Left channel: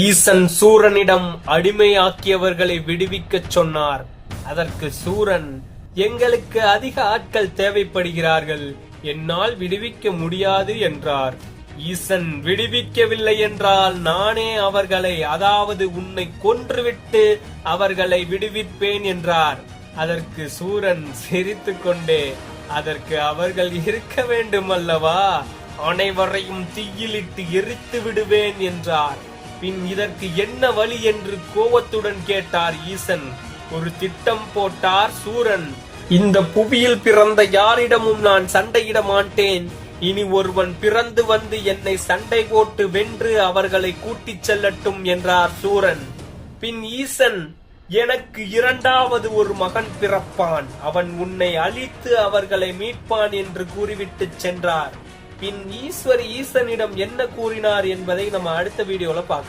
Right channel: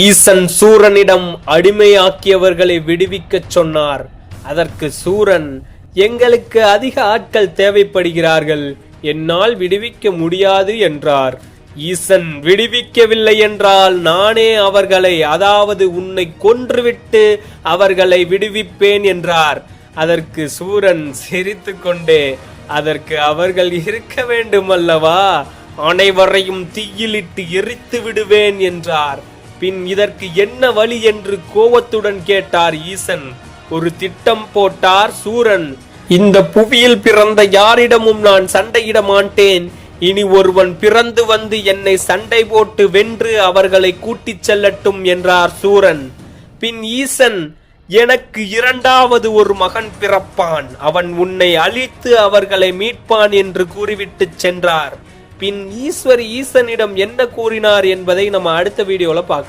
ஈசன் சூரனிடம் அடிமையாக்கியவர்களை விடுவிக்கச் சொன்னார். அதற்கு சூரன், எங்களுக்கு அதிக ஆட்கள் தேவைப்படுகிறார்கள், என்னால் விடுவிக்க முடியாது என்றார். ஈசன், விடுவிக்கவில்லை என்றால் நானே அவர்களை, அதாவது உன்னை கொன்றுவிட்டு அவர்களை விடுவிப்பேன் என்றார். அதற்கு சூரன் சிரித்துக்கொண்டே, அதற்கு அவர்கள் இருக்க வேண்டும் அல்லவா, அனைவரையும் தீயிலிட்டு எரித்து விடுவேன் என்றார். பின் இதற்கு என்ன வழி என்று கோபத்துடன் கேட்டார் ஈசன். ஒரு திட்டம் போட்டார் சூரன். இந்த புவியில் பிறந்த யாரிடமும் நான் சண்டையிட மாட்டேன். இனி ஒருவன் பிறந்து வந்து என்னை சண்டை போட்டு வென்று அவர்களை கூட்டிச் செல்லட்டும் என்றார் சூரன். பின் ஈசன், எனக்கு இரண்டாவது ஒரு மகன் பிறப்பான், அவன் உன்னை அழித்து அவர்களை மீட்பான் என்று கூறிவிட்டு சென்றார். பின் ஈஸ்வரி ஈசனிடம் என்ன கூறினார் என்பதை நம்ம அடுத்த வீடியோல பார்க்கலாம்.